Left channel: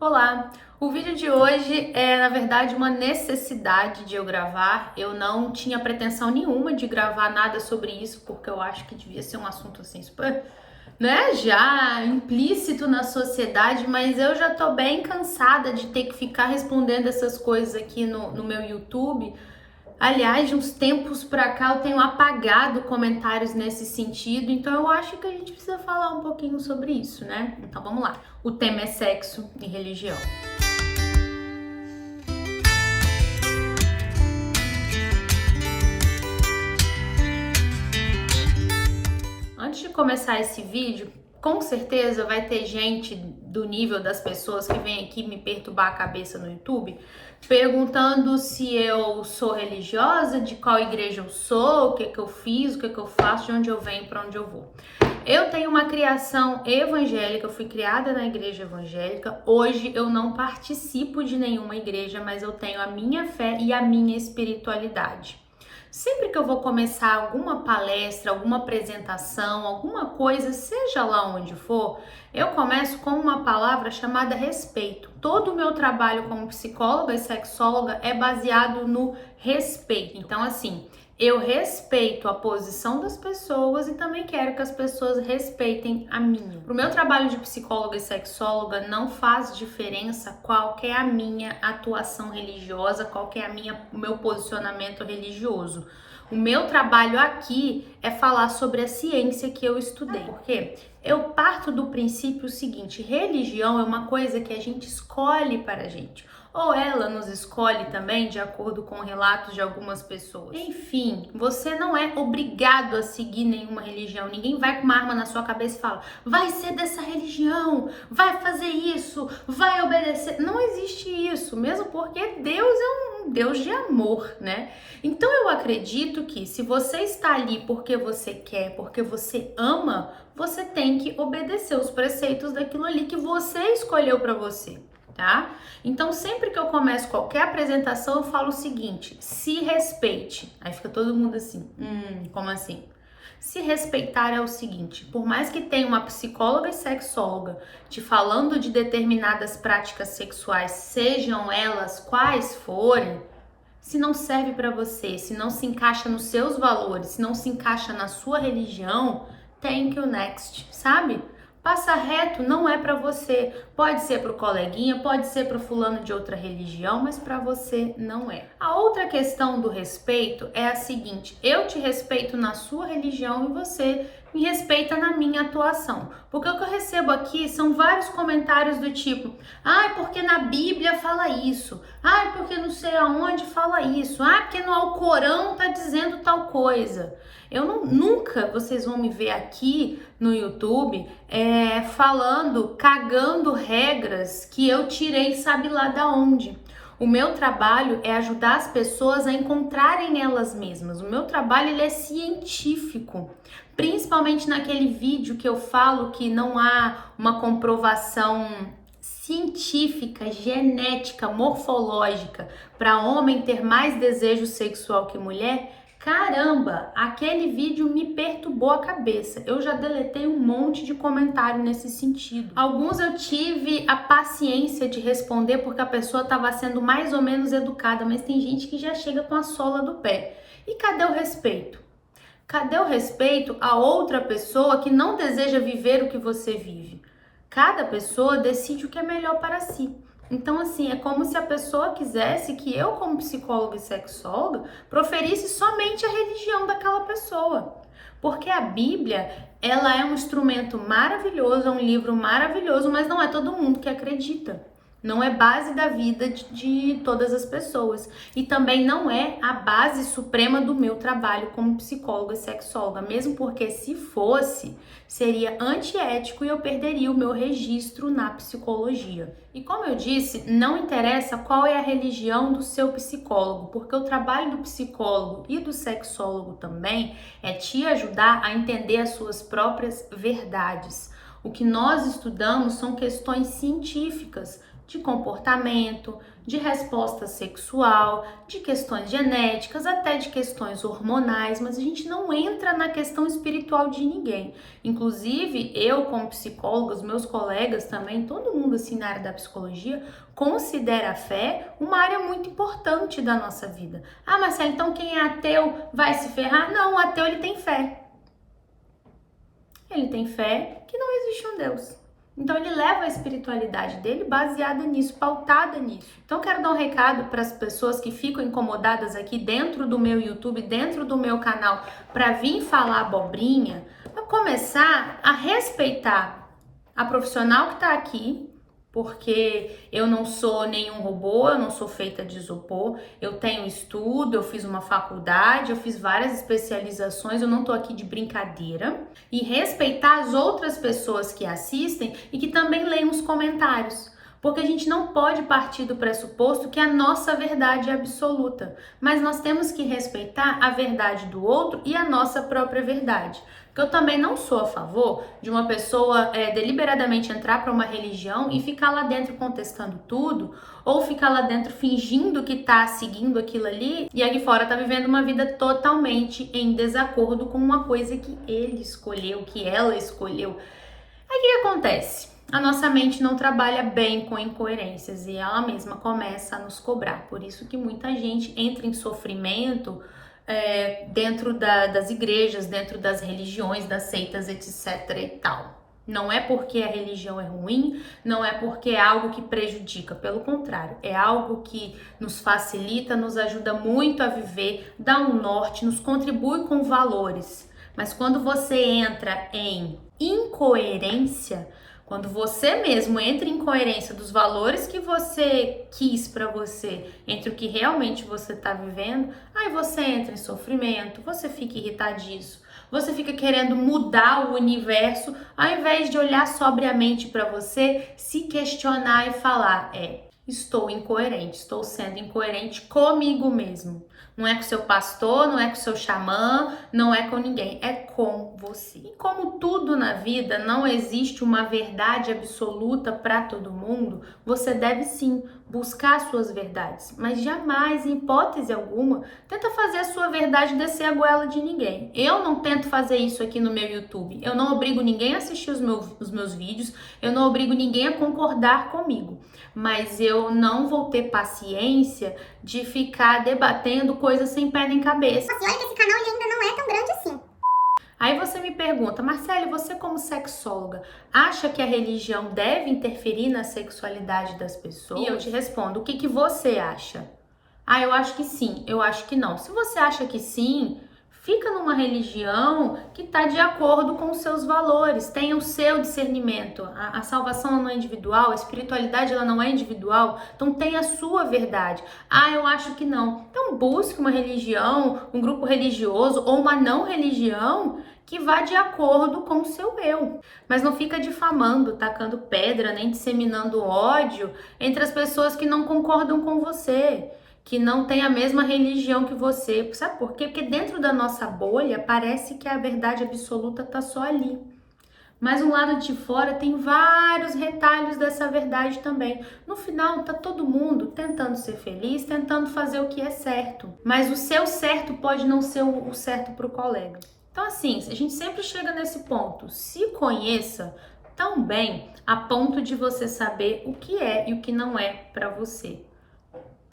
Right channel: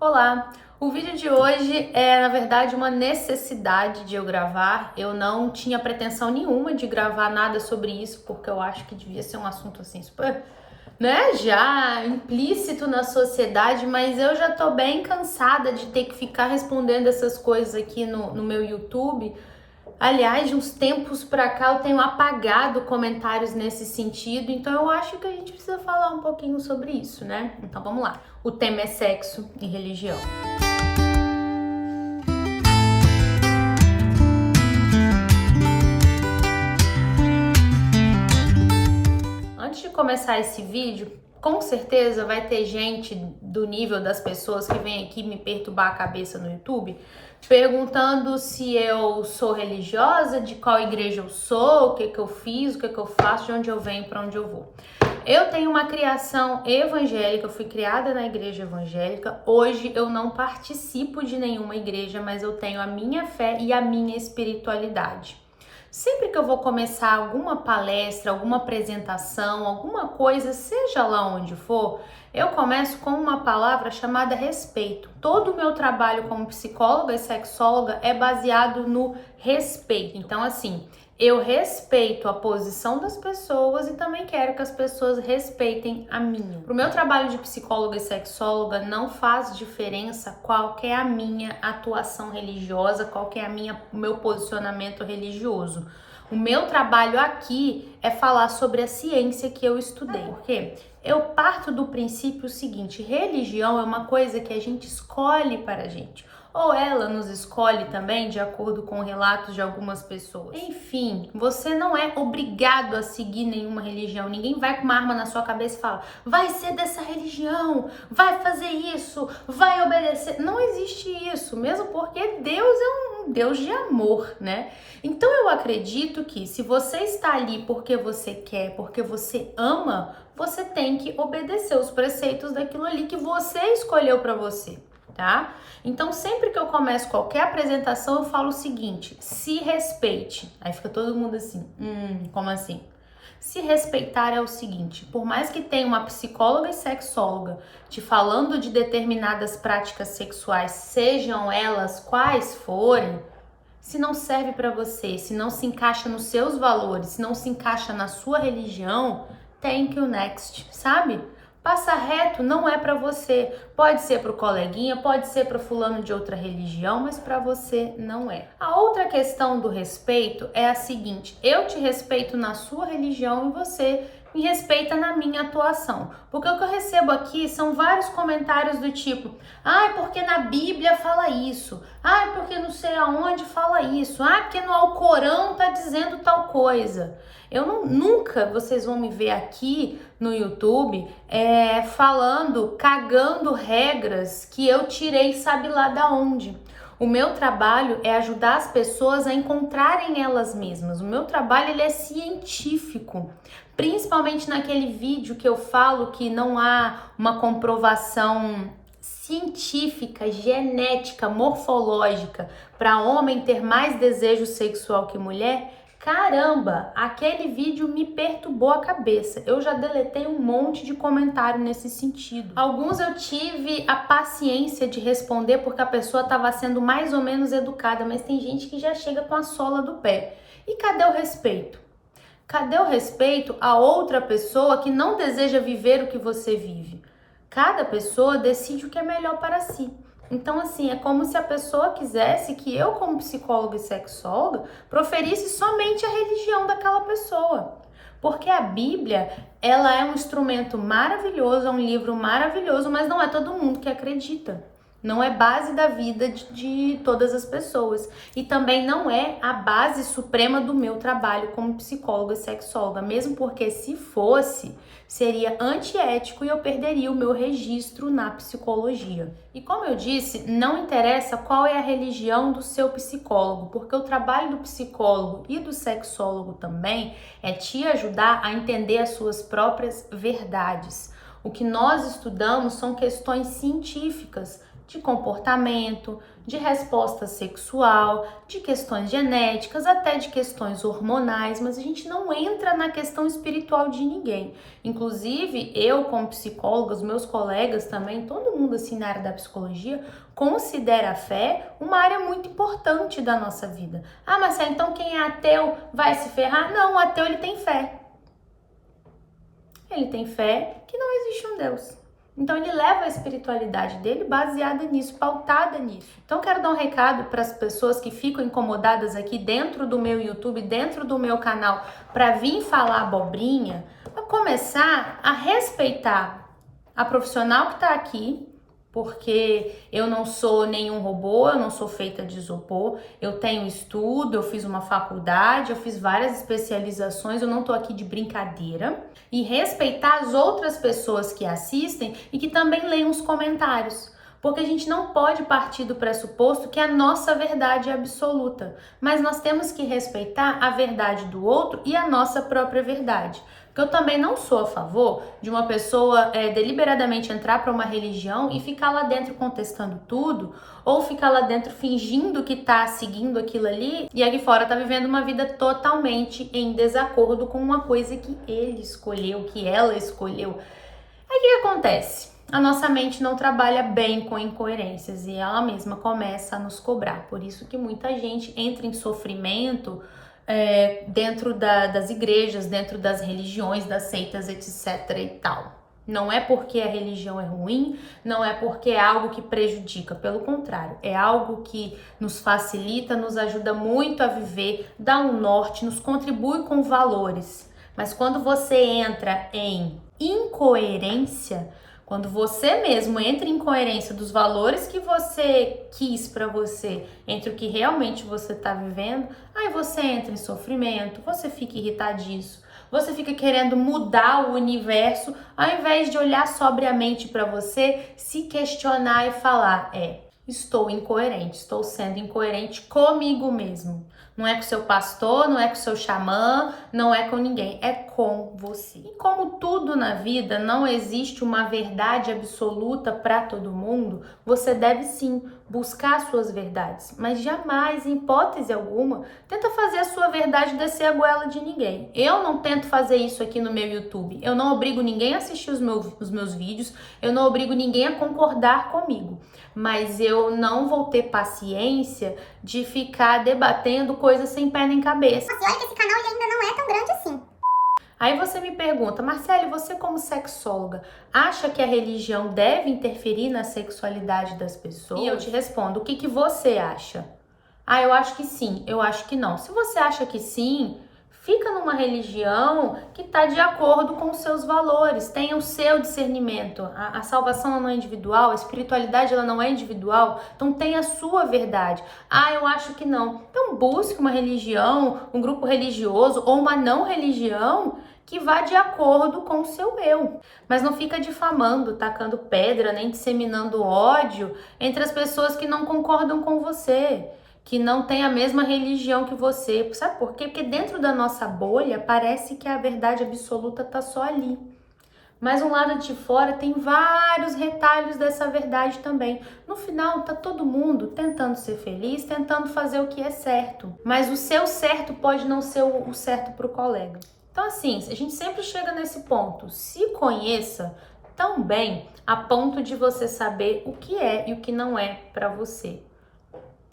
Olá! O vídeo de hoje é, na verdade, uma necessidade de eu gravar. Eu não tinha pretensão nenhuma de gravar nada sobre isso, porque eu acho que devia ser um assunto assim super, né, já implícito na sociedade, mas eu já tô bem cansada de ter que ficar respondendo essas coisas aqui no meu YouTube. Aliás, de uns tempos pra cá eu tenho apagado comentários nesse sentido, então eu acho que a gente precisa falar um pouquinho sobre isso, né? Então vamos lá. O tema é sexo e religião. Antes de começar esse vídeo, com certeza vai ter gente do nível das pessoas que vem aqui me perturbar a cabeça no YouTube, perguntando se eu sou religiosa, de qual igreja eu sou, o que que eu fiz, o que que eu faço, de onde eu venho, para onde eu vou. Eu tenho uma criação evangélica, eu fui criada na igreja evangélica. Hoje eu não participo de nenhuma igreja, mas eu tenho a minha fé e a minha espiritualidade. Sempre que eu vou começar alguma palestra, alguma apresentação, alguma coisa, seja lá onde for, eu começo com uma palavra chamada respeito. Todo o meu trabalho como psicóloga e sexóloga é baseado no respeito. Então, assim, eu respeito a posição das pessoas e também quero que as pessoas respeitem a minha. Pro meu trabalho de psicóloga e sexóloga não faz diferença qual que é a minha atuação religiosa, qual que é o meu posicionamento religioso. O meu trabalho aqui é falar sobre a ciência que eu estudei. Por quê? Eu parto do princípio seguinte: religião é uma coisa que a gente escolhe para a gente. Ou ela nos escolhe também, de acordo com relatos de algumas pessoas. Enfim, você não é obrigado a seguir nenhuma religião. Ninguém vai com uma arma na sua cabeça e fala: vai ser dessa religião, vai fazer isso, vai obedecer. Não existe isso, mesmo porque Deus é um Deus de amor, né? Então eu acredito que se você está ali porque você quer, porque você ama, você tem que obedecer os preceitos daquilo ali que você escolheu para você. Tá? Então, sempre que eu começo qualquer apresentação, eu falo o seguinte: se respeite. Aí fica todo mundo assim, como assim? Se respeitar é o seguinte: por mais que tenha uma psicóloga e sexóloga te falando de determinadas práticas sexuais, sejam elas quais forem, se não serve para você, se não se encaixa nos seus valores, se não se encaixa na sua religião, thank you next, sabe? Passa reto, não é para você. Pode ser para o coleguinha, pode ser para o fulano de outra religião, mas para você não é. A outra questão do respeito é a seguinte: eu te respeito na sua religião e você me respeita na minha atuação. Porque o que eu recebo aqui são vários comentários do tipo: ai, porque na Bíblia fala isso. Ai, porque não sei aonde fala isso. Ai, porque no Alcorão tá dizendo tal coisa. Nunca vocês vão me ver aqui no YouTube falando, cagando regras que eu tirei sabe lá da onde. O meu trabalho é ajudar as pessoas a encontrarem elas mesmas. O meu trabalho ele é científico. Principalmente naquele vídeo que eu falo que não há uma comprovação científica, genética, morfológica para homem ter mais desejo sexual que mulher. Caramba, aquele vídeo me perturbou a cabeça. Eu já deletei um monte de comentário nesse sentido. Alguns eu tive a paciência de responder porque a pessoa estava sendo mais ou menos educada, mas tem gente que já chega com a sola do pé. E cadê o respeito? Cadê o respeito a outra pessoa que não deseja viver o que você vive? Cada pessoa decide o que é melhor para si. Então, assim, é como se a pessoa quisesse que eu, como psicóloga e sexóloga, proferisse somente a religião daquela pessoa. Porque a Bíblia, ela é um instrumento maravilhoso, é um livro maravilhoso, mas não é todo mundo que acredita. Não é base da vida de todas as pessoas. E também não é a base suprema do meu trabalho como psicóloga e sexóloga. Mesmo porque se fosse, seria antiético e eu perderia o meu registro na psicologia. E como eu disse, não interessa qual é a religião do seu psicólogo, porque o trabalho do psicólogo e do sexólogo também é te ajudar a entender as suas próprias verdades. O que nós estudamos são questões científicas de comportamento, de resposta sexual, de questões genéticas, até de questões hormonais, mas a gente não entra na questão espiritual de ninguém. Inclusive, eu como psicóloga, os meus colegas também, todo mundo assim na área da psicologia, considera a fé uma área muito importante da nossa vida. Ah, Marcela, então quem é ateu vai se ferrar? Não, o ateu ele tem fé. Ele tem fé que não existe um Deus. Então ele leva a espiritualidade dele baseada nisso, pautada nisso. Então eu quero dar um recado para as pessoas que ficam incomodadas aqui dentro do meu YouTube, dentro do meu canal, para vir falar abobrinha, para começar a respeitar a profissional que está aqui, porque eu não sou nenhum robô, eu não sou feita de isopor, eu tenho estudo, eu fiz uma faculdade, eu fiz várias especializações, eu não tô aqui de brincadeira. E respeitar as outras pessoas que assistem e que também leem os comentários. Porque a gente não pode partir do pressuposto que a nossa verdade é absoluta, mas nós temos que respeitar a verdade do outro e a nossa própria verdade. Porque eu também não sou a favor de uma pessoa deliberadamente entrar para uma religião e ficar lá dentro contestando tudo, ou ficar lá dentro fingindo que tá seguindo aquilo ali e aqui fora tá vivendo uma vida totalmente em desacordo com uma coisa que ele escolheu, que ela escolheu. Aí o que acontece? A nossa mente não trabalha bem com incoerências e ela mesma começa a nos cobrar. Por isso que muita gente entra em sofrimento dentro das igrejas, dentro das religiões, das seitas, etc e tal. Não é porque a religião é ruim, não é porque é algo que prejudica, pelo contrário, é algo que nos facilita, nos ajuda muito a viver, dá um norte, nos contribui com valores. Mas quando você entra em incoerência, quando você mesmo entra em incoerência dos valores que você quis para você, entre o que realmente você está vivendo, aí você entra em sofrimento, você fica irritadiço, você fica querendo mudar o universo, ao invés de olhar sobriamente para você, se questionar e falar, estou incoerente, estou sendo incoerente comigo mesmo. Não é com seu pastor, não é com seu xamã, não é com ninguém, é com você. E como tudo na vida não existe uma verdade absoluta para todo mundo, você deve sim buscar suas verdades, mas jamais, em hipótese alguma, tenta fazer a sua verdade descer a goela de ninguém. Eu não tento fazer isso aqui no meu YouTube, eu não obrigo ninguém a assistir os meus vídeos, eu não obrigo ninguém a concordar comigo, mas eu não vou ter paciência de ficar debatendo coisas sem pé nem cabeça. Assim, olha que esse canal ele ainda não é tão grande assim. Aí você me pergunta, Marcele, você como sexóloga, acha que a religião deve interferir na sexualidade das pessoas? E eu te respondo, o que você acha? Ah, eu acho que sim, eu acho que não. Se você acha que sim, fica numa religião que está de acordo com os seus valores, tenha o seu discernimento. A salvação ela não é individual, a espiritualidade ela não é individual, então tenha a sua verdade. Ah, eu acho que não. Então busque uma religião, um grupo religioso ou uma não religião que vá de acordo com o seu eu. Mas não fica difamando, tacando pedra, nem disseminando ódio entre as pessoas que não concordam com você, que não tem a mesma religião que você. Sabe por quê? Porque dentro da nossa bolha parece que a verdade absoluta tá só ali. Mas um lado de fora tem vários retalhos dessa verdade também. No final, tá todo mundo tentando ser feliz, tentando fazer o que é certo. Mas o seu certo pode não ser o certo pro colega. Então assim, a gente sempre chega nesse ponto. Se conheça tão bem a ponto de você saber o que é e o que não é para você.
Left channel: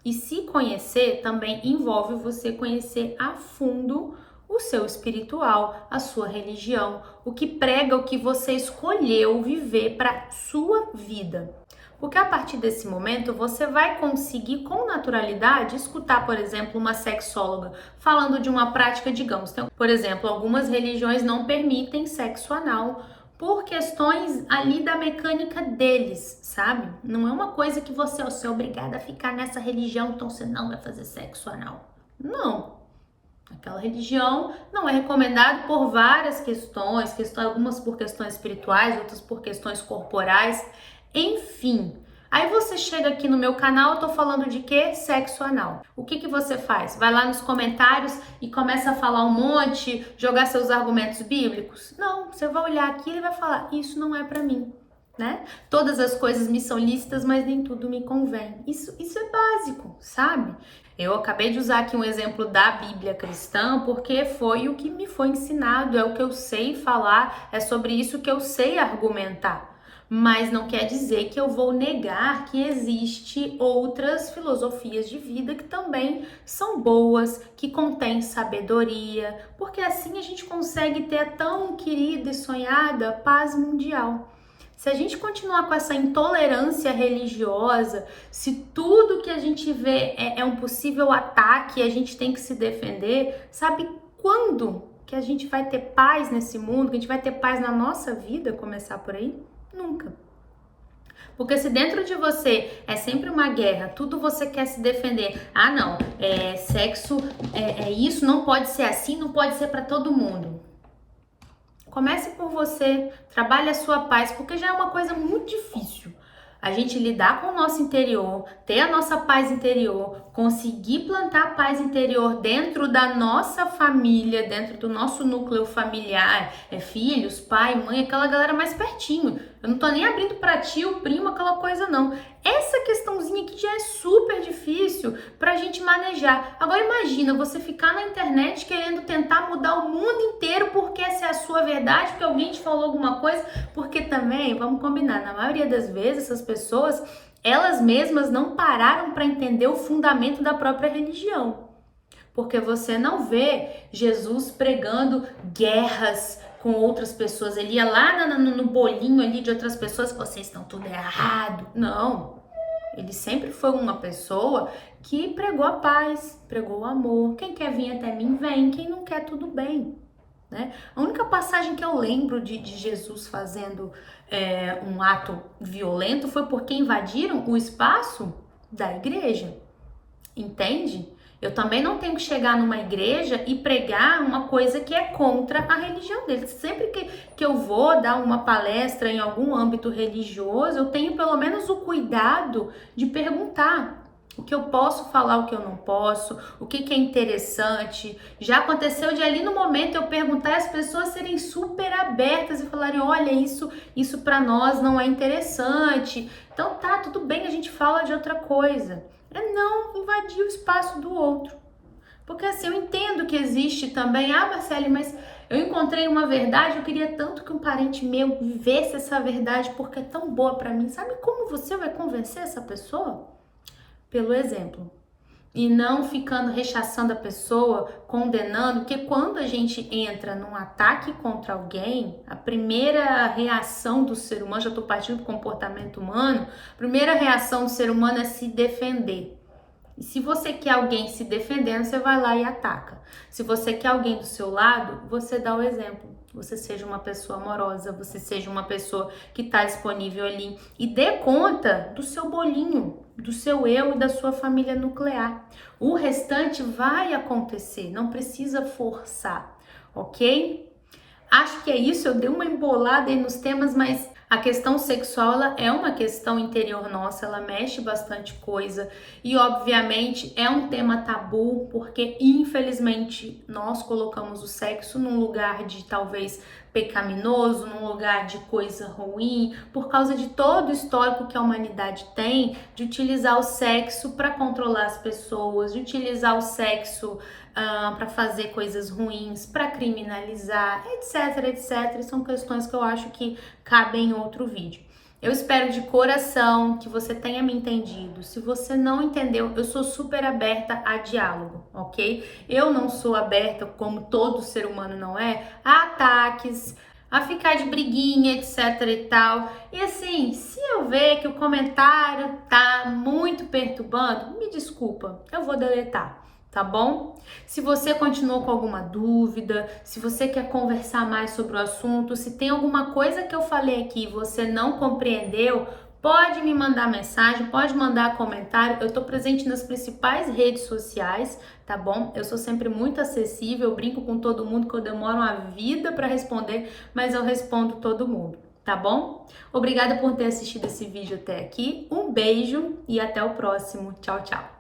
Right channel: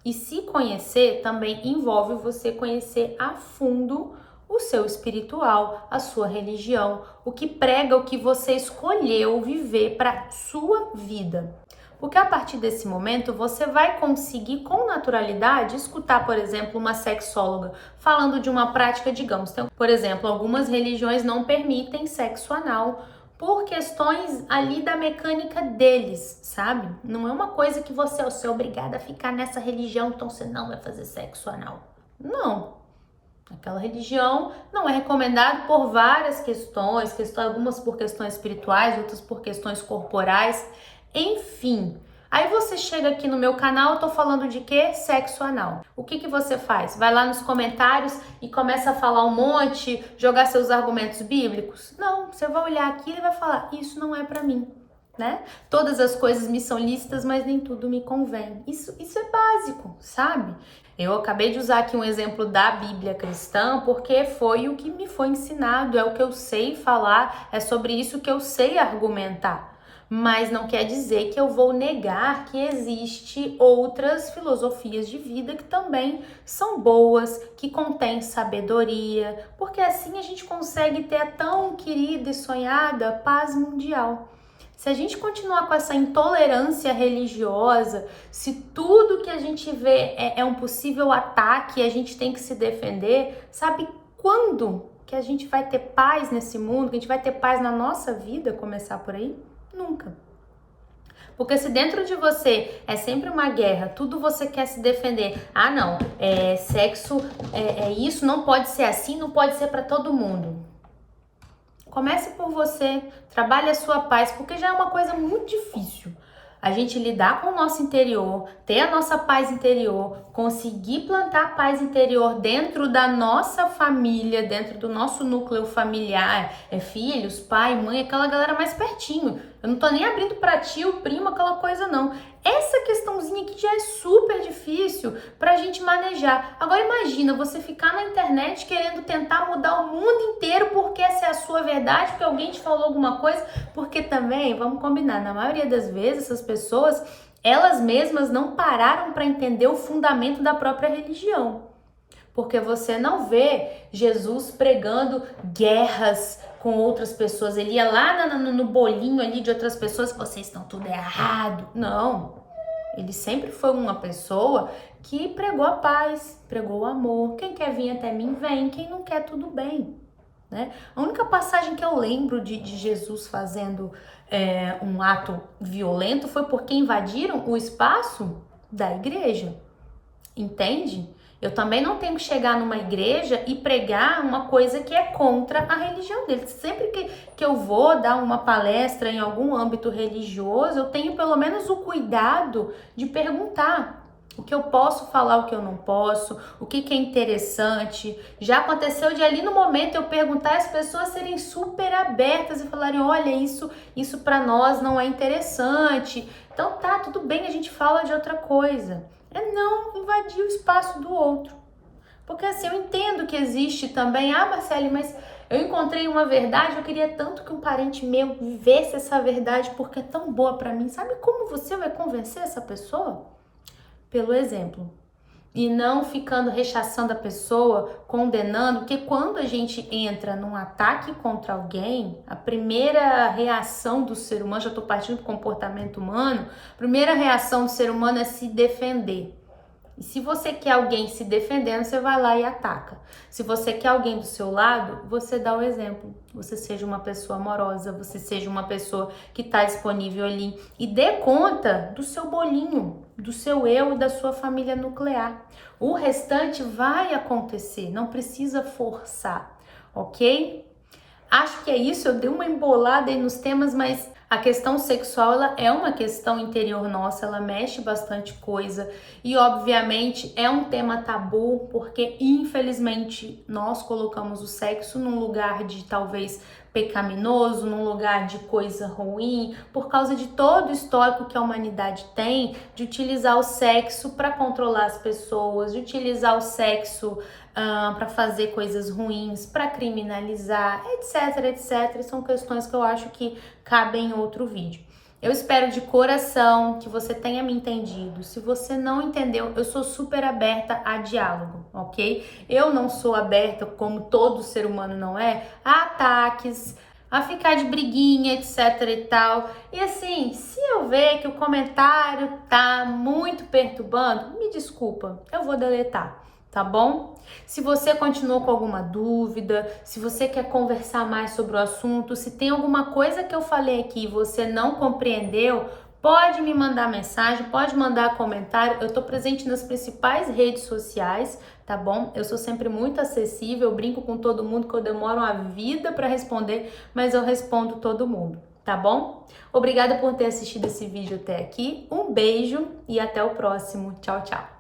E se conhecer também envolve você conhecer a fundo o seu espiritual, a sua religião, o que prega, o que você escolheu viver para sua vida. Porque a partir desse momento você vai conseguir com naturalidade escutar, por exemplo, uma sexóloga falando de uma prática, digamos, por exemplo, algumas religiões não permitem sexo anal por questões ali da mecânica deles, sabe? Não é uma coisa que você é obrigada a ficar nessa religião, então você não vai fazer sexo anal. Não. Aquela religião não é recomendado por várias questões, algumas por questões espirituais, outras por questões corporais, enfim. Aí você chega aqui no meu canal, eu tô falando de quê? Sexo anal. O que que você faz? Vai lá nos comentários e começa a falar um monte, jogar seus argumentos bíblicos? Não, você vai olhar aqui e vai falar, isso não é pra mim, né? Todas as coisas me são lícitas, mas nem tudo me convém. Isso é básico, sabe? Eu acabei de usar aqui um exemplo da Bíblia cristã porque foi o que me foi ensinado, é o que eu sei falar, é sobre isso que eu sei argumentar. Mas não quer dizer que eu vou negar que existe outras filosofias de vida que também são boas, que contêm sabedoria, porque assim a gente consegue ter a tão querida e sonhada paz mundial. Se a gente continuar com essa intolerância religiosa, se tudo que a gente vê é um possível ataque e a gente tem que se defender, sabe quando que a gente vai ter paz nesse mundo, que a gente vai ter paz na nossa vida, começar por aí? Nunca. Porque se dentro de você é sempre uma guerra, tudo você quer se defender. Ah, não, sexo é isso, não pode ser assim, não pode ser para todo mundo. Comece por você, trabalhe a sua paz, porque já é uma coisa muito difícil. A gente lidar com o nosso interior, ter a nossa paz interior, conseguir plantar a paz interior dentro da nossa família, dentro do nosso núcleo familiar, filhos, pai, mãe, aquela galera mais pertinho. Eu não tô nem abrindo pra tio, primo, aquela coisa não. Essa questãozinha aqui já é super difícil pra gente manejar. Agora imagina você ficar na internet querendo tentar mudar o mundo inteiro porque essa é a sua verdade, porque alguém te falou alguma coisa, porque também, vamos combinar, na maioria das vezes essas pessoas, elas mesmas não pararam para entender o fundamento da própria religião. Porque você não vê Jesus pregando guerras com outras pessoas. Ele ia lá no bolinho ali de outras pessoas, vocês estão tudo errado. Não. Ele sempre foi uma pessoa que pregou a paz, pregou o amor. Quem quer vir até mim, vem. Quem não quer, tudo bem. Né? A única passagem que eu lembro de Jesus fazendo um ato violento foi porque invadiram o espaço da igreja. Entende? Eu também não tenho que chegar numa igreja e pregar uma coisa que é contra a religião deles. Sempre que eu vou dar uma palestra em algum âmbito religioso, eu tenho pelo menos o cuidado de perguntar o que eu posso falar, o que eu não posso, o que é interessante. Já aconteceu de ali no momento eu perguntar e as pessoas serem super abertas e falarem, olha, isso para nós não é interessante. Então tá, tudo bem, a gente fala de outra coisa. É não invadir o espaço do outro. Porque assim, eu entendo que existe também, Marcele, mas eu encontrei uma verdade, eu queria tanto que um parente meu vivesse essa verdade porque é tão boa pra mim. Sabe como você vai convencer essa pessoa? Pelo exemplo. E não ficando rechaçando a pessoa, condenando, porque quando a gente entra num ataque contra alguém, a primeira reação do ser humano, já estou partindo do comportamento humano, a primeira reação do ser humano é se defender. E se você quer alguém se defendendo, você vai lá e ataca. Se você quer alguém do seu lado, você dá o exemplo. Você seja uma pessoa amorosa, você seja uma pessoa que está disponível ali. E dê conta do seu bolinho, do seu eu e da sua família nuclear. O restante vai acontecer, não precisa forçar, ok? Acho que é isso, eu dei uma embolada aí nos temas, mas a questão sexual, ela é uma questão interior nossa, ela mexe bastante coisa e obviamente é um tema tabu porque infelizmente nós colocamos o sexo num lugar de talvez pecaminoso, num lugar de coisa ruim, por causa de todo o histórico que a humanidade tem de utilizar o sexo para controlar as pessoas, de utilizar o sexo para fazer coisas ruins, para criminalizar, etc, etc. E são questões que eu acho que cabem em outro vídeo. Eu espero de coração que você tenha me entendido. Se você não entendeu, eu sou super aberta a diálogo, ok? Eu não sou aberta, como todo ser humano não é, a ataques, a ficar de briguinha, etc e tal. E assim, se eu ver que o comentário tá muito perturbando, me desculpa, eu vou deletar. Tá bom? Se você continuou com alguma dúvida, se você quer conversar mais sobre o assunto, se tem alguma coisa que eu falei aqui e você não compreendeu, pode me mandar mensagem, pode mandar comentário. Eu tô presente nas principais redes sociais, tá bom? Eu sou sempre muito acessível, eu brinco com todo mundo que eu demoro uma vida para responder, mas eu respondo todo mundo. tá bom? Obrigada por ter assistido esse vídeo até aqui. Um beijo e até o próximo. Tchau, tchau.